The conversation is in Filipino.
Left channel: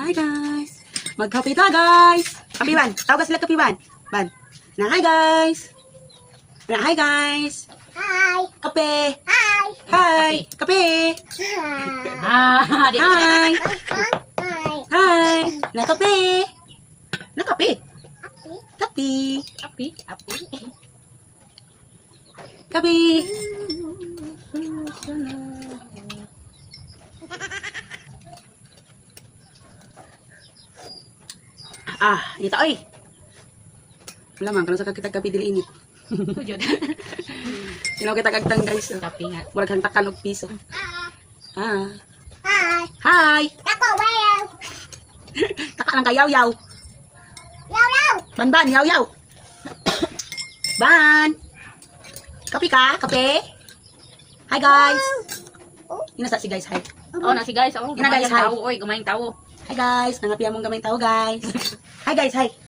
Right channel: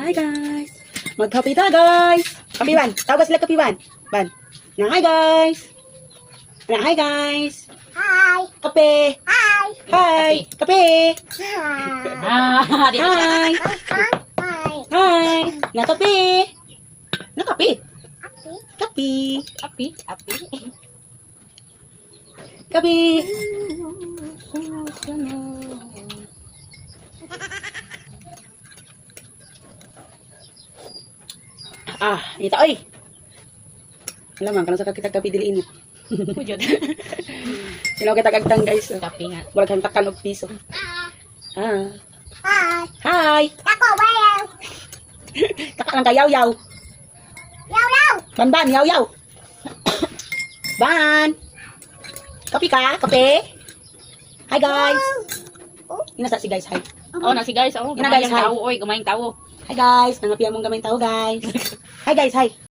Hi guys. Magkape ta guys. Kape ban. Tawag sila kape ban. Ban. Na hi guys. Na hi guys. Hi. Kape. Hi. Hi. Kape. Ah, di na siya. Hi. Hi. Hi. Na kape. Na kape. Kape. Api, api. Kape. Ah, ito ay. Wala man, kanang sa kita kape dili init. Tujod. Sino kita kagtang guys. Kapi nga. Wala kang takan og piso. Ah. Hi. Hi. Ako, well. Taka lang kayaw yaw. Yaw, yaw. Ban yaw yaw. Ban. Kape ka? Kape? Hi guys. Inasa si guys, hi. Oh, na si guys. Oh, Yan na, guys, gamayang hi. tao. Oy, gamayang tao. Hi guys, nangapian mong gamay tao guys. Hi guys, hi.